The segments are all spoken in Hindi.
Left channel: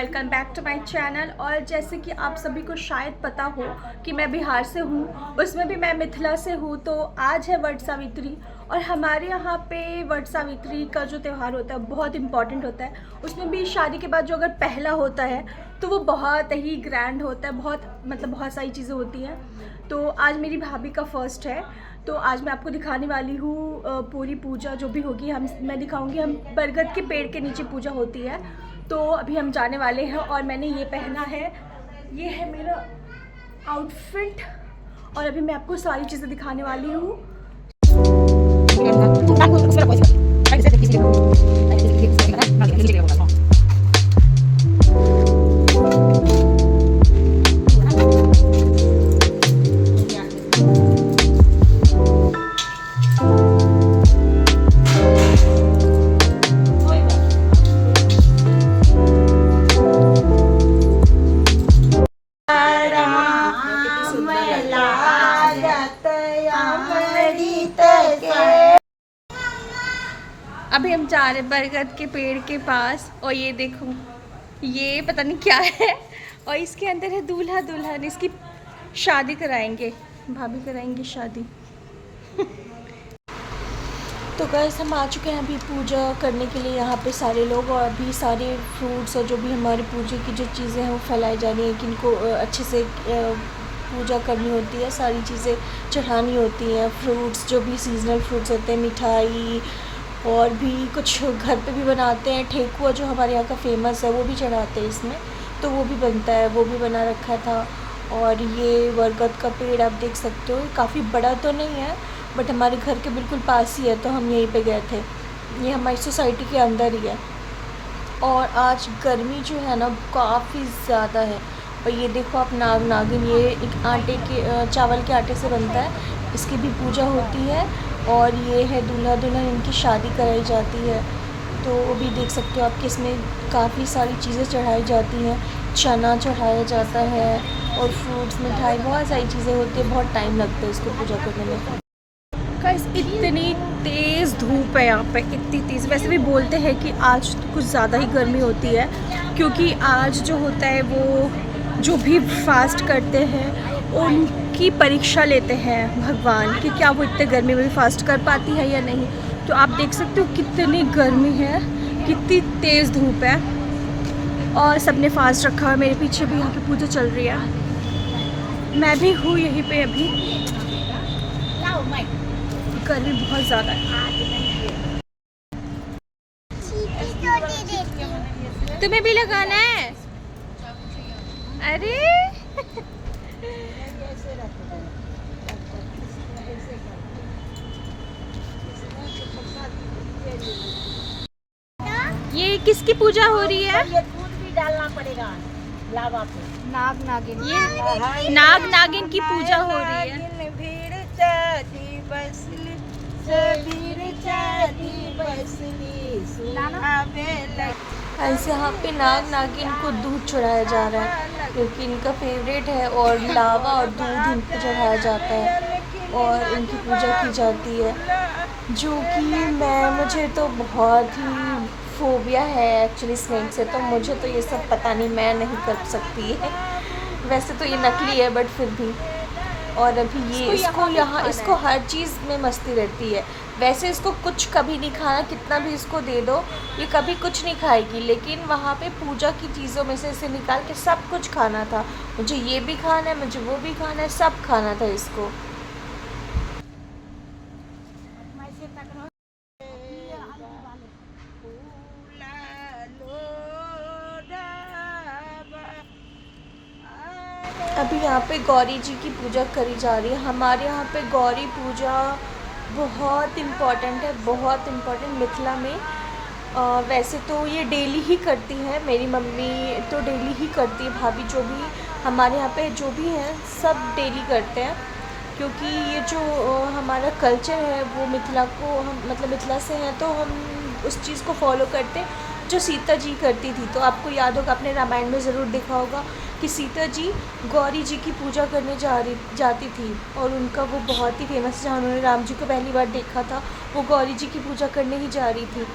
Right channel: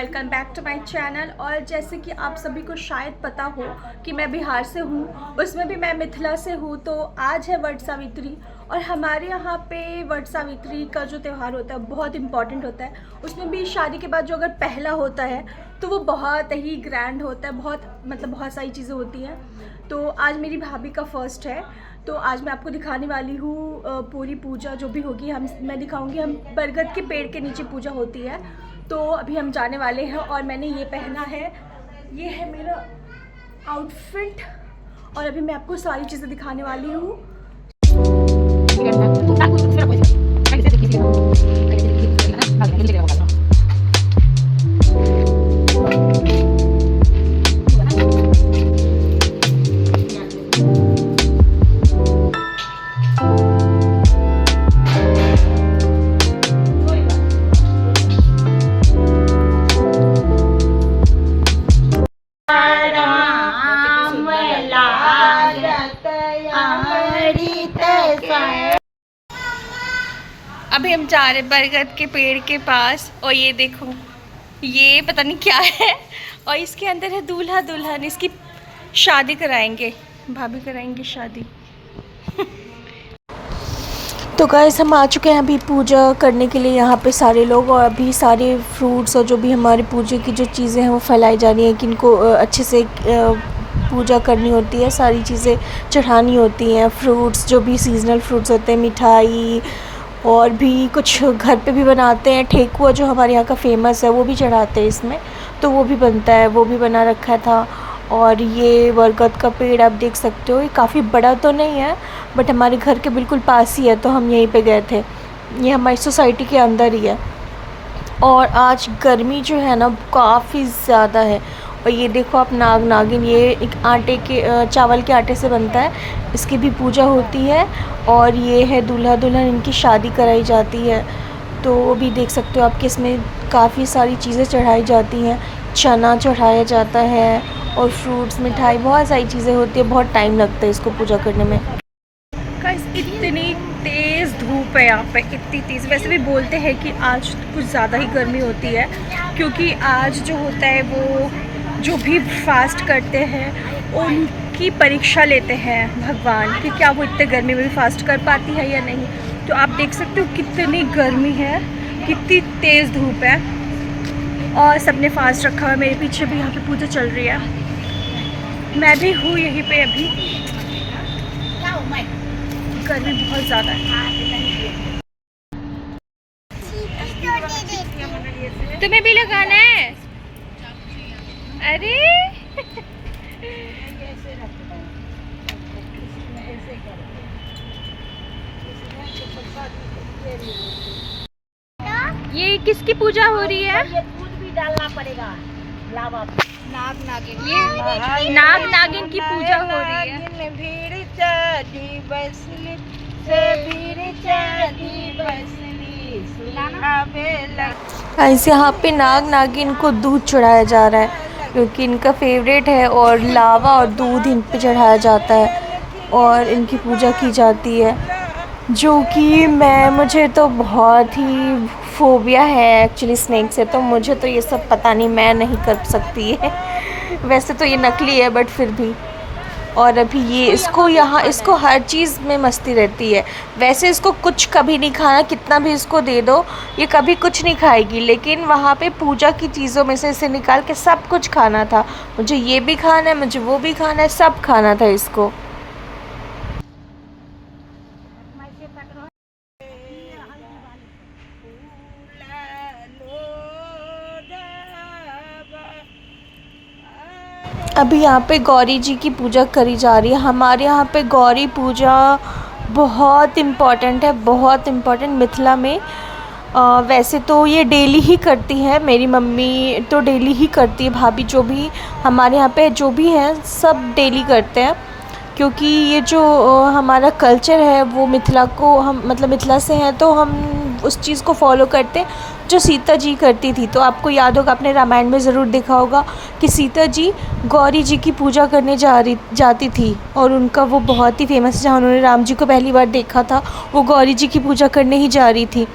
Welcome back to my channel. और जैसे कि आप सभी को शायद पता हो कि मैं बिहार से हूँ, उसमें भी मैं मिथिला से हूँ। तो आज है वट सावित्री और हमारे यहाँ पे वट सावित्री का जो त्यौहार होता है बहुत इम्पॉर्टेंट होता है। उसमें भी शादी के बाद जो अगर पहला होता है तो वो बहुत ही ग्रैंड होता है, बहुत सारी चीज़ें होती हैं। तो आज मेरी भाभी का फर्स्ट है, तो आज मैं आपको दिखाने वाली हूँ पूरी पूजा जो भी होगी। मैं दिखाऊंगी हम बरगद के पेड़ के नीचे पूजा होती है। तो अभी हम जाने वाले हैं और मैंने ये पहना है, ये है मेरा आउटफिट और अभी मैं आपको सारी चीज़ें दिखाने वाली हूँ। अभी हम जा रहे बरगद के पेड़ के पास और ये देखो, ये पता नहीं क्या है और इसके अंदर है दूल्हा दुल्हन। इसकी शादी कराएंगे, भाभी कराएंगे शादी। तो गाइस हम आ चुके हैं अभी पूजा करने के लिए यहाँ पे सारे लोग, और अभी सारे फ्रूट्स और जो भी हमारे पूजे की जो चीज़ें हैं वो फैलाई जा रही हैं कि इनको अच्छे से पूजा करनी होती है, सारी चीज़ें चढ़ानी होती हैं। फ्रूट्स जो भी सीजनल फ्रूट्स होते हैं, मिठाई और भी कुछ घर पे भी बनाते हैं। ठेकुआ जो हमारे यहाँ का फेमस है वो भी चढ़ाते हैं इसमें, तो वो भी बनता है, वो भी बना रखा था। और ये बरगद का पेड़ आप देख सकते हो, ये काफ़ी बड़ा तो नहीं है बट हमारे घर के बिल्कुल पास ही है, तो हम यहीं पे गए थे। ये हमारी सोसाइटी के अंदर ही है। और आज गर्मी जो है ना काफ़ी ज़्यादा है। और ये देखो आप नाग नागिन, ये एक आटे के चावल के आटे से बनता है, इसकी भी पूजा होती है। और ये है दूल्हा दुल्हन, इनकी शादी कराई जाती है। तो वो भी देख सकते हो आपके, इसमें काफ़ी सारी चीज़ें चढ़ाई जाती हैं। चना चढ़ाया जाता है और फ्रूट्स, मिठाई, बहुत सारी चीज़ें होती है। बहुत टाइम लगता है इसको पूजा करने में। गाइस इतनी तेज़ धूप है यहाँ पे, इतनी तेज़। वैसे भी बोलते हैं कि आज कुछ ज़्यादा ही गर्मी होती है, क्योंकि आज जो होता है वो जो भी फास्ट करते हैं उनकी परीक्षा लेते हैं भगवान कि क्या वो इतने गर्मी में भी फास्ट कर पाती है या नहीं। तो आप देख सकते हो कितनी गर्मी है, कितनी तेज़ धूप है और सबने फास्ट रखा है। मेरे पीछे भी यहाँ पे पूजा चल रही है, मैं भी हूँ यहीं पे। अभी गर्मी बहुत ज़्यादा है। तुम्हें भी लगाना है? अरे ये किसकी पूजा हो रही है? ये दूध भी डालना पड़ेगा लावा पे। नाग नागिन, ये नाग नागिन की पूजा हो रही है। ऐसे यहाँ पे नाग नागिन को दूध चढ़ाया जा रहा है क्योंकि इनका फेवरेट है, और लावा और दूध इन पे चढ़ाया जाता है और इनकी पूजा की जाती है। जो कि मुझे तो बहुत ही फोबिया है एक्चुअली स्नेक से, तो मुझे तो ये सब पता नहीं, मैं नहीं कर सकती है। वैसे तो ये नकली है बट फिर भी। और अभी ये इसको हर चीज़ में मस्ती रहती है। वैसे इसको कुछ कभी नहीं खाना, कितना भी इसको दे दो ये कभी कुछ नहीं खाएगी, लेकिन वहाँ पे पूजा की चीज़ों में से इसे निकाल के सब कुछ खाना था। मुझे ये भी खाना है, मुझे वो भी खाना है, सब खाना था इसको। अभी यहाँ पे गौरी जी की पूजा करी जा रही है। हमारे यहाँ पे गौरी पूजा बहुत इम्पॉर्टेंट है, बहुत इम्पॉर्टेंट मिथिला में। वैसे तो ये डेली ही करती है, मेरी मम्मी तो डेली ही करती है, भाभी जो भी हमारे यहाँ पे जो भी हैं सब डेली करते हैं। क्योंकि ये जो हमारा कल्चर है वो मिथिला को, हम मतलब मिथिला से हैं तो हम उस चीज़ को फॉलो करते हैं जो सीता जी करती थी। तो आपको याद होगा, आपने रामायण में ज़रूर देखा होगा कि सीता जी गौरी जी की पूजा करने जाती थी, और उनका वो बहुत ही फेमस है। जहाँ उन्होंने राम जी को पहली बार देखा था वो गौरी जी की पूजा करने ही जा रही थी।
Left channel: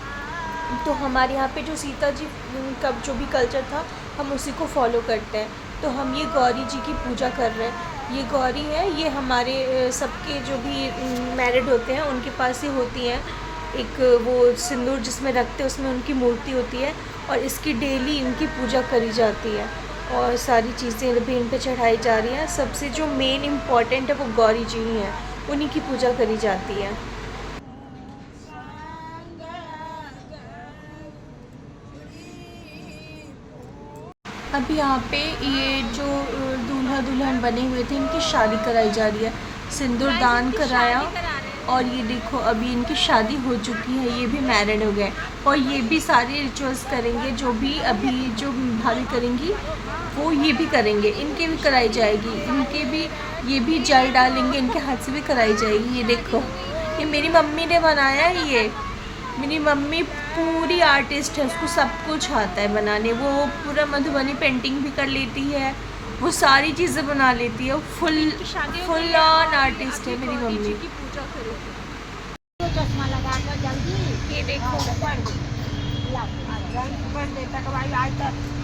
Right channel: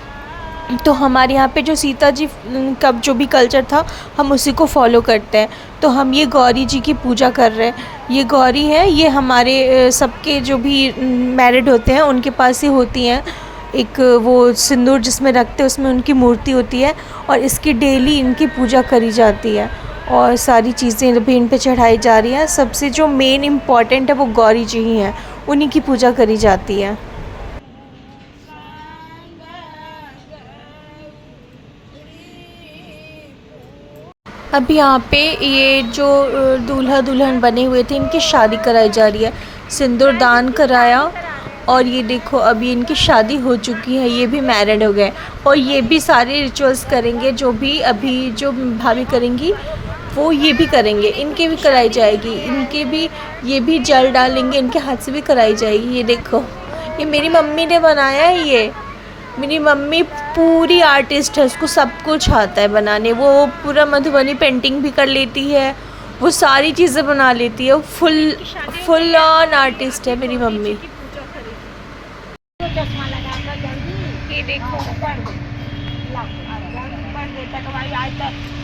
तो हमारे यहाँ पे जो सीता जी का जो भी कल्चर था हम उसी को फॉलो करते हैं। तो हम ये गौरी जी की पूजा कर रहे हैं। ये गौरी हैं, ये हमारे सबके जो भी मैरिड होते हैं उनके पास ही होती हैं। एक वो सिंदूर जिसमें रखते हैं उसमें उनकी मूर्ति होती है और इसकी डेली इनकी पूजा करी जाती है और सारी चीज़ें भी इन पे चढ़ाई जा रही हैं। सबसे जो मेन इम्पॉर्टेंट है वो गौरी जी ही हैं, उन्हीं की पूजा करी जाती है। अभी यहाँ पे ये जो दूल्हा दुल्हन बने हुए थे इनकी शादी कराई जा रही है। सिंदूर दान कराया और ये देखो अभी इनकी शादी हो चुकी है, ये भी मैरिड हो गए और ये भी सारे रिचुअल्स करेंगे जो भी अभी जो भाभी करेंगी वो ये भी करेंगे, इनके भी कराई जाएगी, इनके भी ये भी जल डालेंगे, इनके हाथ से भी कराई जाएगी। ये देखो ये मेरी मम्मी ने बनाया है। ये मेरी मम्मी पूरी आर्टिस्ट है, उसको सब कुछ आता है बनाने। वो पूरा मधुबनी पेंटिंग भी कर लेती है, वो सारी चीज़ें बना लेती है। फुल ऑन आर्टिस्ट है मेरी मम्मी। चश्मा लगा कर जल्दी ये देखो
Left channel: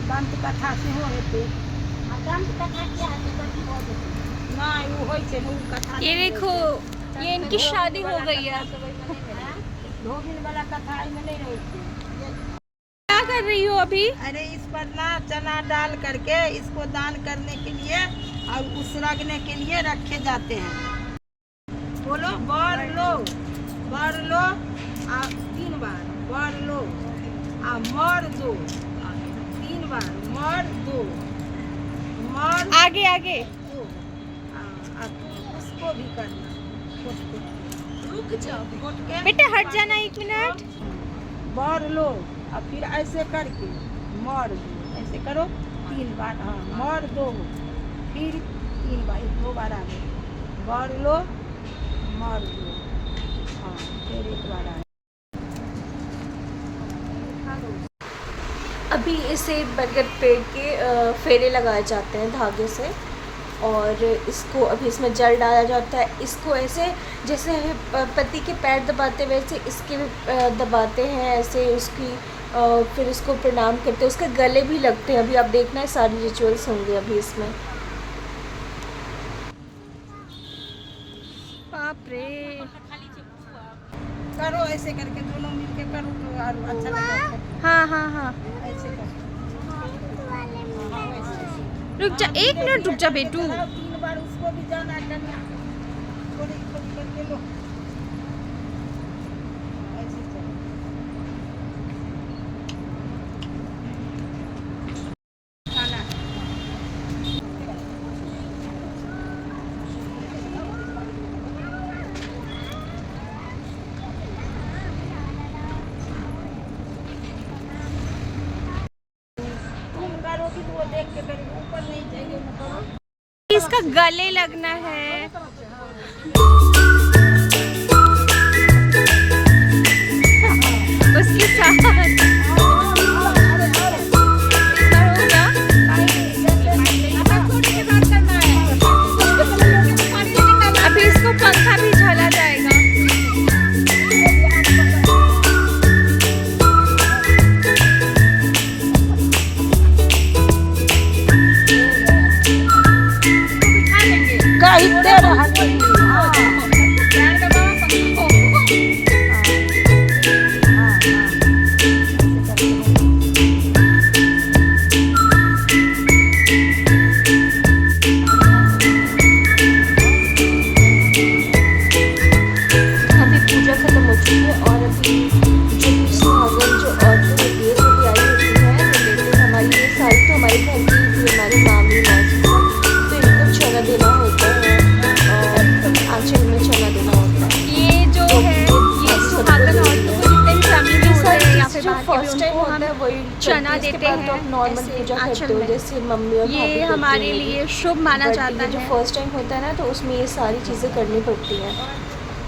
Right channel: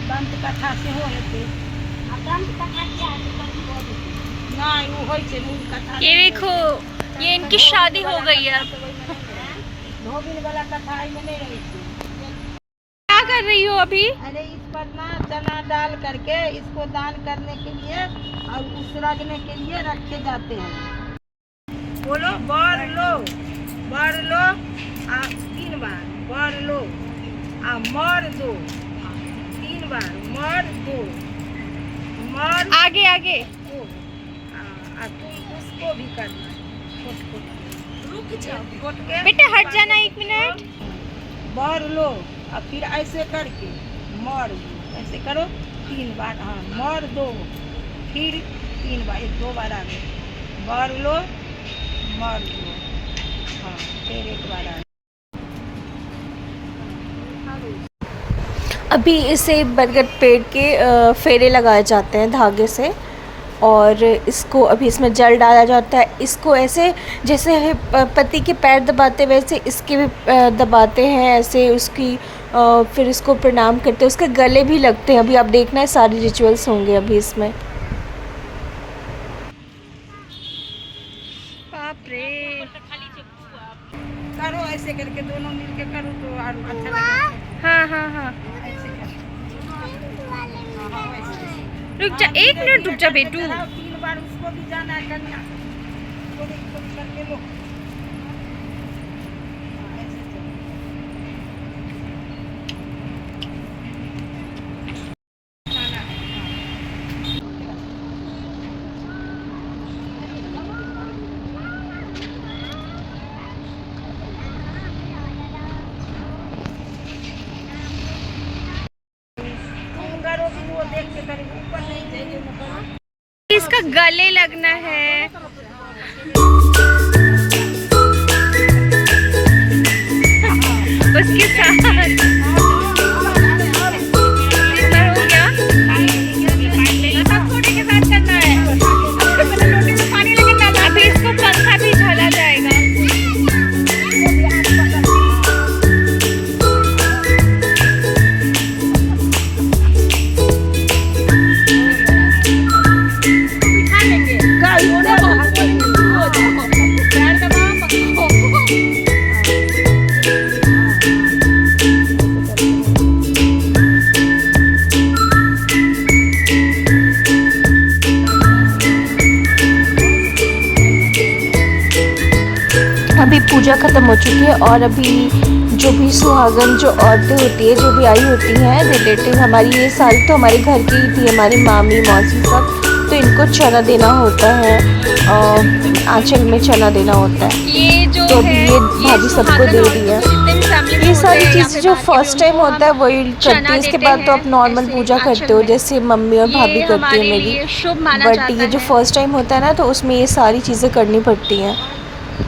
दंत कथा से हो लेते। दंत कथा क्या नहीं वो होई छे मूल कथा। ये देखो ये इनकी शादी हो गई है। अब धोबिन वाला कथा में नहीं रही थी। क्या कर रही हो अभी? अरे इस पर ना चना डाल करके इसको दान करने के लिए और उसरगने के लिए रखे जाते हैं। बोलो बर लो 3 बार बर लो मर दो 3 बार मर दो मर आगे आगे दो उसको भी करना। रुक जाओ बेटा, हट जाना 1 मिनट। बर लो और फिर ऐसे करके मर दो, ऐसे करो 3 बार। हाँ मर दो फिर 3 बार, 2 बार आ गए। बर लो मर दो, हाँ फिर 1 बार आ गए। अभी इसे बरगद पेड़ के फेरे लगाए जाते हैं धागे से और इसको अभी इसमें जल डाला जाता है। इसको ऐसे जैसे पति के पैर दबाते वैसे इसके भी दबाते हैं ऐसे उसकी। फिर इसको प्रणाम करते हैं, उसके गले भी लगते हैं। अभी आप देखना है सारे रिचुअल्स होंगे अभी इसमें। बाप रे, करो ऐसे करके दोनों मिलके करो तो और अच्छा लगेगा। हाँ हाँ हाँ, ऐसे कर। हाँ, वैसे। रुक जा 1 मिनट, रुक जा बेटू। 3 बार उसको भी जाना है करना। थोड़ी थोड़ी करके लो। हाँ, ऐसे चलो। खाना। तुम करोगी तो वो देख के करेगी, ऊपर नहीं चाहिए मतलब। इसका गले लगना है। उसके साथ कितना हो गया? अभी इसको पंखा भी ढला जाएगा। अभी पूजा ख़त्म हो चुकी है और अभी जो भी सुहागन जो औरतें होती है जो भी आई होती हैं रिलेटिव हमारी, ये सारी तो हमारे घर की ही थी, हमारी मामी मौसी सब। तो इनको चना देना होता है और आंचल में चना देना होता है। ये जो तो है ये भाभी सबको दे दिया। ये सारी चीज़ें जो फर्स्ट टाइम होता है वही करते हैं, इसके बाद तो आप नॉर्मल पूजा करते हो जैसे मम्मी और भाभी ये करती है हमारे मेरी। लिए शुभ माना बट जाता ये जो है। फर्स्ट टाइम होता है ना तो उसमें ये सारी चीज़ें करनी पड़ती हैं,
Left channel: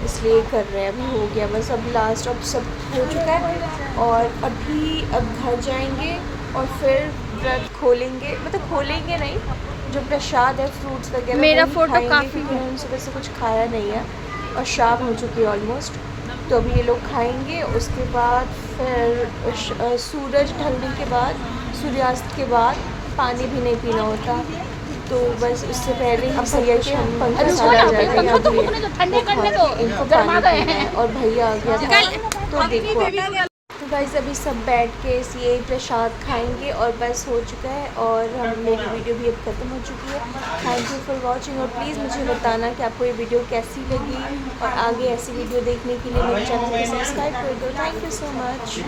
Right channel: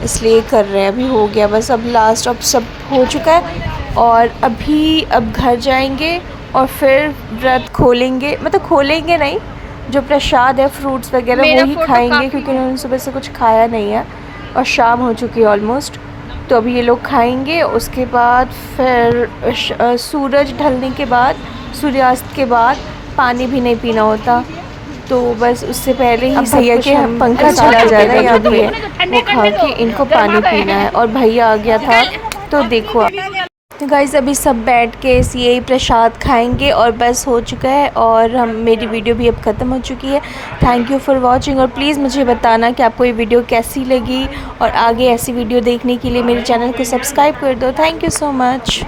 इसलिए कर रहे हैं। अभी हो गया बस, अब लास्ट अब सब हो चुका है और अभी अब घर जाएंगे और फिर व्रत खोलेंगे, मतलब खोलेंगे नहीं, जो प्रसाद है फ्रूट्स वगैरह मेरा वही फोटो खाएंगे काफी क्योंकि उन्होंने सुबह से कुछ खाया नहीं है और शाम हो चुकी है ऑलमोस्ट। तो अभी ये लोग खाएंगे, उसके बाद फिर सूरज ढलने के बाद, सूर्यास्त के बाद पानी भी नहीं पीना होता। तो बस उससे पहले ही भैया के हम पंखा चला जा रहा है यहाँ भी है, वो खा के इनको पानी पीना है। और भैया आ गया था, तो देखो आप। तो गाइस अभी सब बैठ के यही प्रसाद खाएंगे और बस हो चुका है, और मेरी वीडियो भी अब ख़त्म हो चुकी है। थैंक यू फॉर वाचिंग, और प्लीज़ मुझे बताना कि आपको ये वीडियो कैसी लगी, और आगे ऐसी वीडियो देखने के लिए मेरे चैनल को सब्सक्राइब कर दो। Thank you so much.